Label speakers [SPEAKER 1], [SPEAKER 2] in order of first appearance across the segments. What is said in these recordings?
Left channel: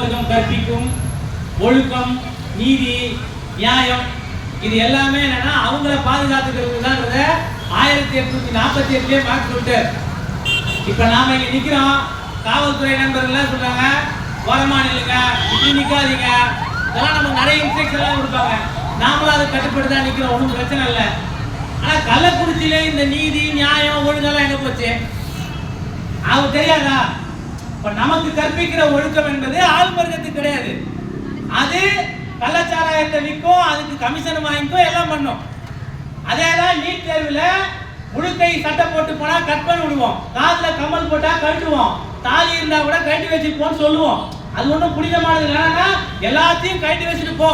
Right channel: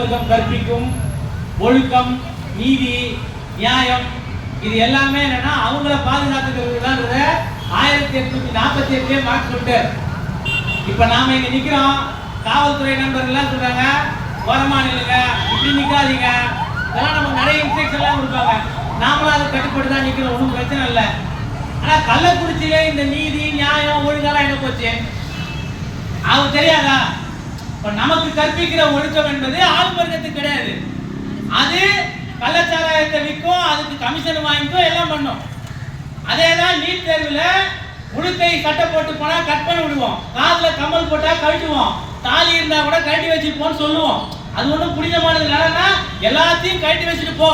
[SPEAKER 1] ஆளுவர்க்கம் கற்பிக்கும் ஒழுக்கம் நீதி நியாயம் இது எல்லாமே என்னன்னா அவங்கள பாதுகாத்துக்கிறது தான் ஆயிரத்தி எட்நூத்தி நாற்பத்தி எட்டுலயே மார்க் சொல்லிட்டார். இப்ப நாம இங்க நிக்கிறோம். காவல்துறை நண்பர்கள் எல்லாம் சொல்றாங்க ஓரமா நில்லுங்க இப்படி நிக்காதீங்க. இதெல்லாம் நமக்கு நிறைய இன்ஸ்ட்ரக்ஷன் எல்லாம் கொடுப்பாங்க. நாமளும் அதை கட்டுப்பட்டு தான் நிக்கிறோம் ஒன்றும் பிரச்சனை இல்லை. ஆனா கள்ளக்குறிச்சியில இந்த நீதி நியாயம் ஒழுங்கெல்லாம் எங்க போச்சு? அவங்க தெரியாதா? இப்ப நமக்கு கற்பிக்கிற ஒழுக்கம் என்பது ஆள் வர்க்கத்துக்கு கிடையாது. அது கள்ளச்சாராயத்தை விற்கும் அதுக்கு கமிஷன் வாங்கிக்கும் எல்லாம் பண்ணும். அதே தான் நீட் தேர்வில் முழுக்கை சட்டை போட்டு போனால் கட் பண்ணி விடுவோம். காதில் கம்மல் போட்டால் கழட்டுவோம். தாலி இருந்தால் கூட கழட்டி வச்சுப்போம்னு சொல்லுவோம். அது ஒன்றும் புனிதமானது இல்லைன்னா எல்லாத்தையும் கழட்டி வச்சுட்டு போ.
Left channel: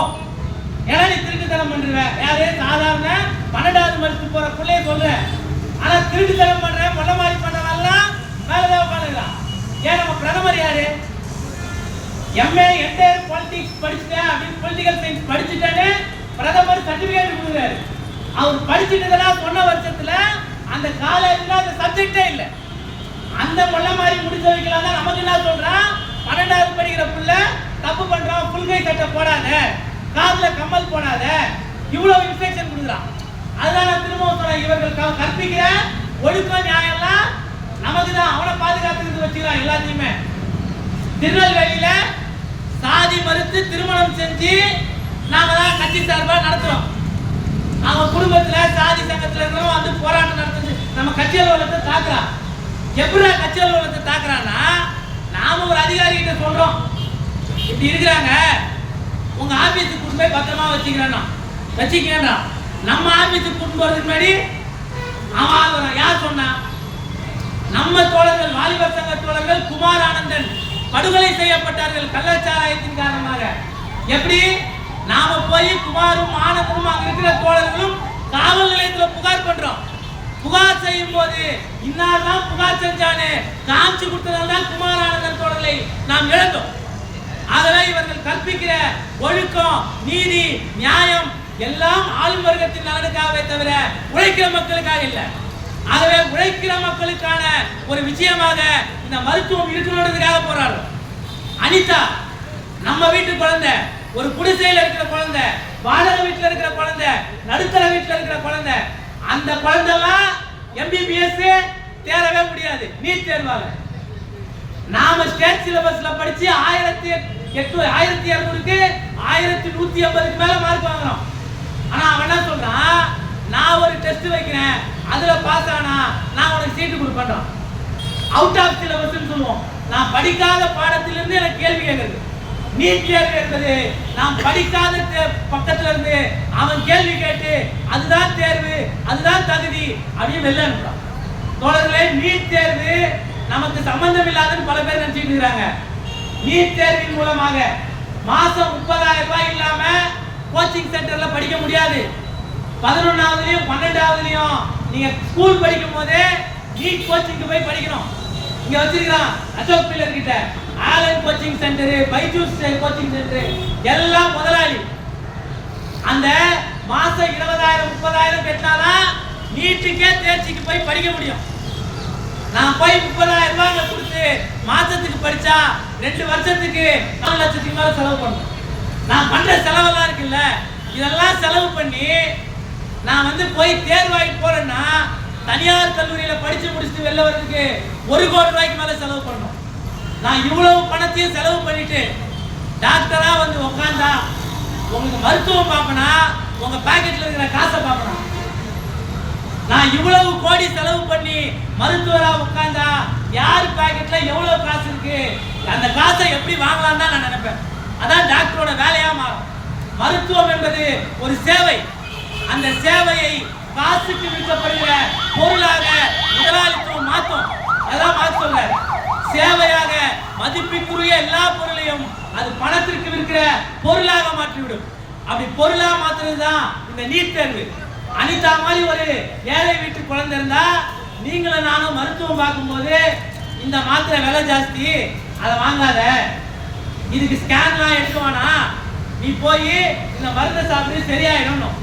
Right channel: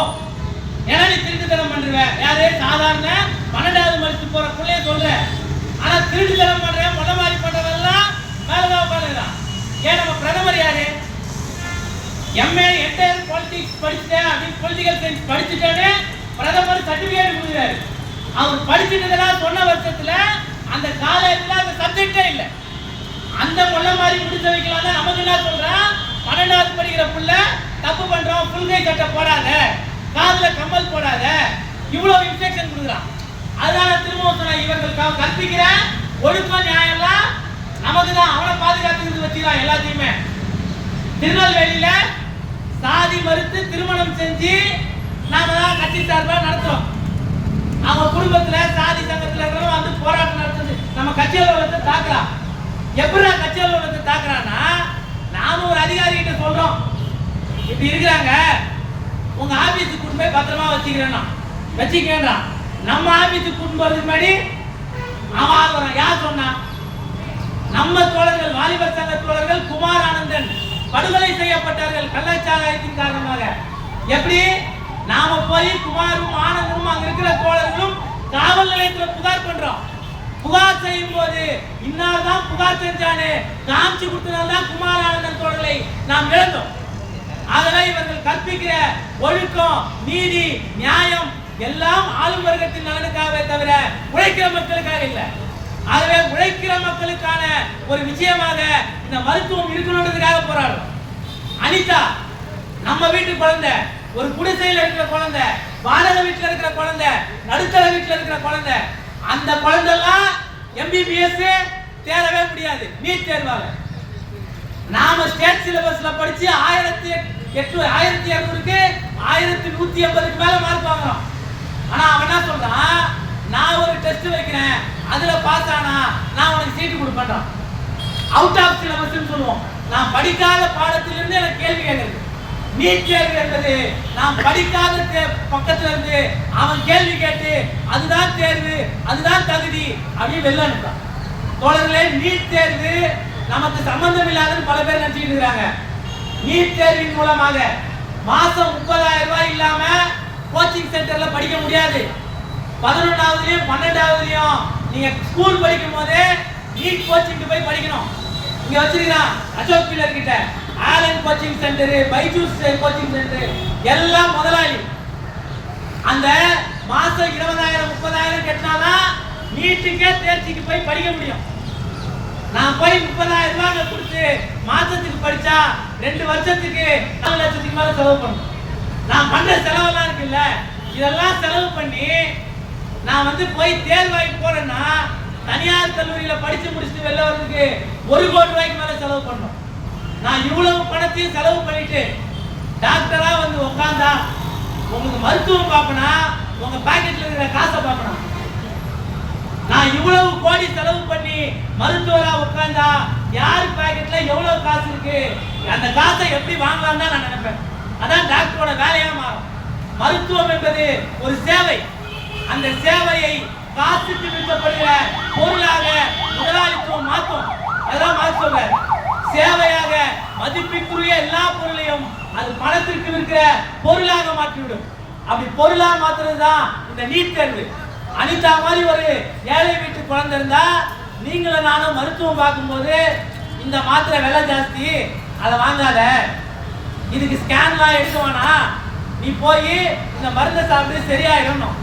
[SPEAKER 1] ஏன்னா நீ திருட்டுத்தனம் பண்ற யாரு? சாதாரண பன்னெண்டாவது மடிச்சு போகிற பிள்ளைய சொல்கிறேன் ஆனால் திருட்டுத்தனம் பண்ணுற மொல்ல மாதிரி ஏன் நம்ம பிரதமர் யாரு? எம்ஏ என்டையர் பாலிடிக்ஸ் படிச்சுட்டேன் அப்படின்னு பொலிட்டிக்கல் சயின்ஸ் படிச்சுட்டேன்னு பிரதமர் சர்டிபிகேட் கொடுக்குறாரு. அவர் படிச்சுட்டதெல்லாம் சொன்ன வருஷத்துல அந்த காலேஜில் அந்த சப்ஜெக்டே இல்லை. அந்த முள்ள மாதிரி முடிஞ்ச வைக்கலாம் தான் நமக்கு என்ன சொல்றான் பன்னெண்டாவது படிக்கிற புள்ள தப்பு பண்றோம் புல்கை கட்ட போடாத. காதுல கம்மல் போடாத. இவ்வளவு இன்ஃபெக்ஷன் கொடுக்குறான். அதனால திரும்பவும் சொன்ன இவர்கள் க- கற்பிக்கிற ஒழுக்கம் நியாயம் எல்லாம் நமக்கு தான் அவனை பாதுகாத்துக்கிறது வச்சுக்கிறான் எல்லாத்தையுமே. திருநெல்வேலியில சாதி மறுத்து திருமணம் செஞ்சு நாம தான் கட்சி சார்பாக நடத்துறோம். அவங்க குடும்பத்துல சாதி சங்கத்துல இருக்கிறவங்க வந்து போராட்டம் நடத்துச்சு நம்ம கட்சி அலுவலகத்தை தாக்குறான் எப்படி கட்சி அலுவலகத்தை தாக்குறான்னா நாம ஒரு அதிகாரி கிட்ட சொல்றோம். இப்படி இருக்கிறாங்க. உங்க ஆபீஸுக்கு கூட்டு போய் பத்திரமா வச்சுக்கிறேன்னா. வச்சுக்கேன்றான். நம்ம ஆபீஸுக்கு கூட்டு போறதுக்கு முன்னாடி அவன் ஆள் வரான். யார் சொன்னான் நம்ம தோழர்கள் வாலிபர் சங்க தோழர்கள் குமார் ஆனந்தன் படுகொலை செய்யப்பட்டார்கள் கள்ளச்சாராயத்தின் காரணமாக. எப்படி? நாம போய் குமாரும் ஆனந்தனும் அங்க இருக்கிற தோழர்களும் காவல் நிலையத்துல புகார் பண்றோம். புகார் செய்யும் போது இன்னார்தான் புகார் செஞ்சானே? காமிச்சு கொடுத்ததால் குமார் ஆனந்தன் தோழர்களை நாம் இழந்தோம். அதனால் இவர்கள் கற்பிக்கிற ஒழுக்கம் நீதி நியாயம் எல்லாம் ஆளும் வர்க்கத்தின் நலனுக்காகவே தவிர உழைக்கிற மக்களுக்காக இல்லை. ஆகவே உழைக்கிற மக்களுக்கான ஒரு விஷயமாக இந்த மருத்துவம் இருக்கணுன்றதுக்காக போராடும் அனிதா நம்ம வீட்டு குழந்தை ஒரு குடிசையில் இருக்கிற குழந்தை வாடகை வீட்டில் இருக்கிற குழந்தை நடுத்தர வீட்டில் இருக்கிற குழந்தை அந்த குழந்தைலாம் எம்பிபிஎஸ் தேரவே முடியாது நீட் தேர்வால நாம ஸ்டேட் சிலபஸ்ல படிச்சு ஆயிரத்தி எட்டு ஆயிரத்தி இரநூறுக்கு ஆயிரத்தி நூத்தி ஐம்பதுக்கு மேல மார்க் வாங்குறோம். ஆனா அவன் என்ன சொல்றான்? நான் ஒரு டெஸ்ட் வைக்கிறேன். அதுல பாஸ் ஆனா நான் உனக்கு சீட்டு கொடுப்பேன்றான் அவுட் ஆஃப் சிலபஸ்ன்னு சொல்லுவோம். நான் படிக்காத பாடத்திலிருந்து எனக்கு கேள்வி கேட்கறது நீட் தேர்வு என்பது நான் படிக்காத பக்கத்துல இருந்து அவன் கேள்வி கேட்டு அதுதான் தேர்வு அதுதான் தகுதி அப்படின்னு வெளில அனுப்புறான் தோழர்களே நீட் தேர்வு நமக்கு சம்பந்தம் இல்லாதன்னு பல பேர் நினைச்சிட்டு இருக்கிறாங்க. நீட் தேர்வின் மூலமாக மாசம் முப்பதாயிரம் ரூபாய் இல்லாம கோச்சிங் சென்டர்ல படிக்க முடியாது. பதினொன்னாவதுலயும் பன்னெண்டாவதுலயும் நீங்க ஸ்கூல் படிக்கும் போதே நீட் கோச்சிங்க்கு போய் படிக்கணும். இங்க வச்சிருக்கிறான் அசோக் பில்லர் கிட்ட. Allen coaching centre Byju's coaching centre எல்லாம் முதலாளி. அந்த மாசம் இருபதாயிரம் முப்பதாயிரம் கட்டினாதான் நீட்டுக்கே தேர்ச்சிக்கு போய் படிக்க முடியும். நான் போய் முப்பதாயிரம் ரூபாய் கொடுத்து மாசத்துக்கு படிச்சா ரெண்டு வருஷத்துக்கு நாலு லட்சத்துக்கு மேல செலவு பண்ணணும் நான் பண்ற செலவெல்லாம் இருக்குல்ல இதெல்லாம் செலவு பண்ணி நான் வந்து போய் தேர்வாயிட்டு போறேன்னா தனியார் கல்லூரியில படிச்சு முடிச்சுட்டு வெளில வர்றதுக்கு ஒரு கோடி ரூபாய்க்கு மேல செலவு பண்ணணும். நான் இவ்வளவு பணத்தையும் செலவு பண்ணிட்டு டாக்டரா வந்து உட்காந்தா உங்களுக்கு மருத்துவம் பார்ப்பனா உங்க பாக்கெட்ல இருக்கிற காசை பார்ப்பனா? நான் இவ்வளவு கோடி செலவு பண்ணி மருத்துவரா உட்காந்தா யார் பாக்கெட்ல எவ்வளவு காசு இருக்கு? அந்த காசை எப்படி வாங்கலாம் தான் நான் நினைப்பேன். அதான் டாக்டரோட வேலையா மாறும். மருத்துவம் என்பது ஒரு சேவை. அந்த சேவையை காசுக்கு விற்கப்படுகிற பொருளாக முதலாளித்துவம் மாற்றும். அதெல்லாம் மாற்ற சொல்றாரு. சேவையாக மதிப்பிற்குரிய எல்லா பொருளையும் அது பணத்திற்கு விற்கிற பொருளாக மாற்றிவிடும். அப்படி பொருளாக மாத்துறது தான் இந்த நீட் தேர்வு. அனிதா மாதிரி ஒரு ஏழை வீட்டு குழந்தை இருந்தா நீங்களும் நானும் மருத்துவம் பார்க்கும்போது இந்த மாத்திரை விலை ஜாஸ்தி அதை வாங்காத. இதுக்கு ஸ்கேன்லாம் எடுக்க வேணாம். நீ போய் இந்த மருந்தை சாப்பிட்டு சரியாயிடணும்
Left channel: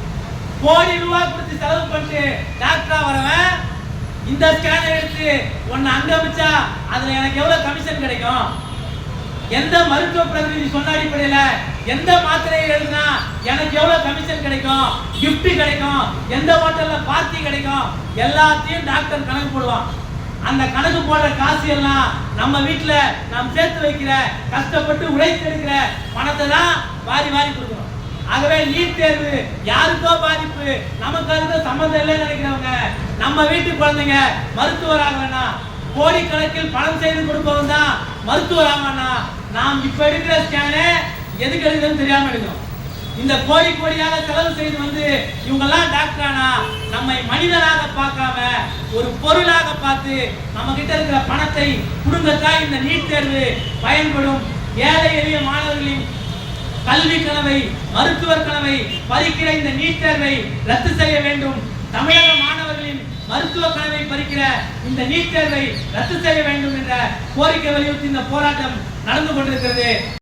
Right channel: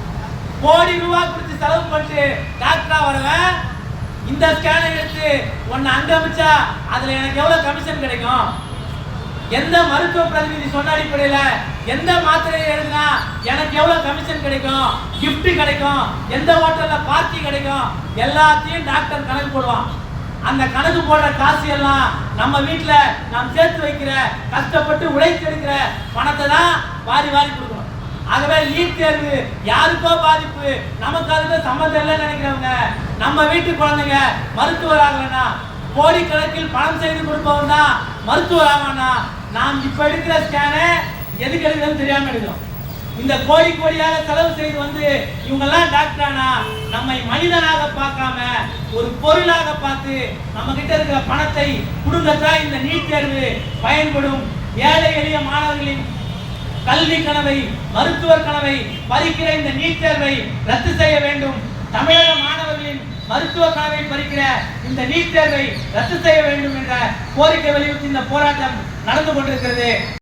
[SPEAKER 1] கோடி ரூபாய் கொடுத்து செலவு பண்ணிட்டு டாக்டரா வரவன் இந்த ஸ்கேனை எடுத்து உன்னை அங்க வச்சா அதுல எனக்கு எவ்வளவு கமிஷன் கிடைக்கும்? எந்த மருத்துவ பிரதிநிதி சொன்ன அடிப்படையில எந்த மாத்திரையை எழுதினா எனக்கு எவ்வளவு கமிஷன் கிடைக்கும்? கிஃப்ட் கிடைக்கும். எந்த ஹோட்டல்ல பார்ட்டி கிடைக்கும்? எல்லாத்தையும் டாக்டர் கணக்கு போடுவான். அந்த கணக்கு போடுற காசு எல்லாம் நம்ம வீட்டுல நாம் சேர்த்து வைக்கிற கஷ்டப்பட்டு உழைத்து எடுக்கிற பணத்தை தான் வாரி வாரி கொடுக்கணும். ஆகவே நீட் தேர்வு யாருக்கோ பாதிப்பு நமக்கு அதுக்கு சம்மந்தம் இல்லைன்னு நினைக்கிறவங்க நம்ம வீட்டு குழந்தைங்க மருத்துவர் ஆகலன்னா கோடிக்கணக்கில் பணம் செய்து கொடுப்பவன் தான் மருத்துவர் ஆவானா நாம் இப்ப எடுக்கிற ஸ்கேனு எதுக்கு எடுக்கிறதுன்னு தெரியாம எடுக்கிறோம். இந்த கோடி கோடியாக செலவு செய்து வந்து இவங்கெல்லாம் டாக்டர் ஆனா நம்மை மனிதனாக பார்க்காம ஒரு பொருளாக பார்த்து நம்ம கிட்ட இருக்கிற பணத்தை கொடுங்கத்தான் இந்த நீட் தேர்வு பயன்படும். ஏழை எளிய மாணவர்களின் கல்வி கனவை மருத்துவர் கனவை பறிக்கிற இந்த நீட் தேர்வை ரத்து செய்ய வேண்டும். தமிழக மாணவர்களின் மருத்துவ கனவை பறிக்கிற இந்த நீட் தேர்வை ரத்து செய்ய வேண்டும் என்ற கோரிக்கை வலியுறுத்தி இந்த போராட்டம் நடந்து கொண்டிருக்கிறது.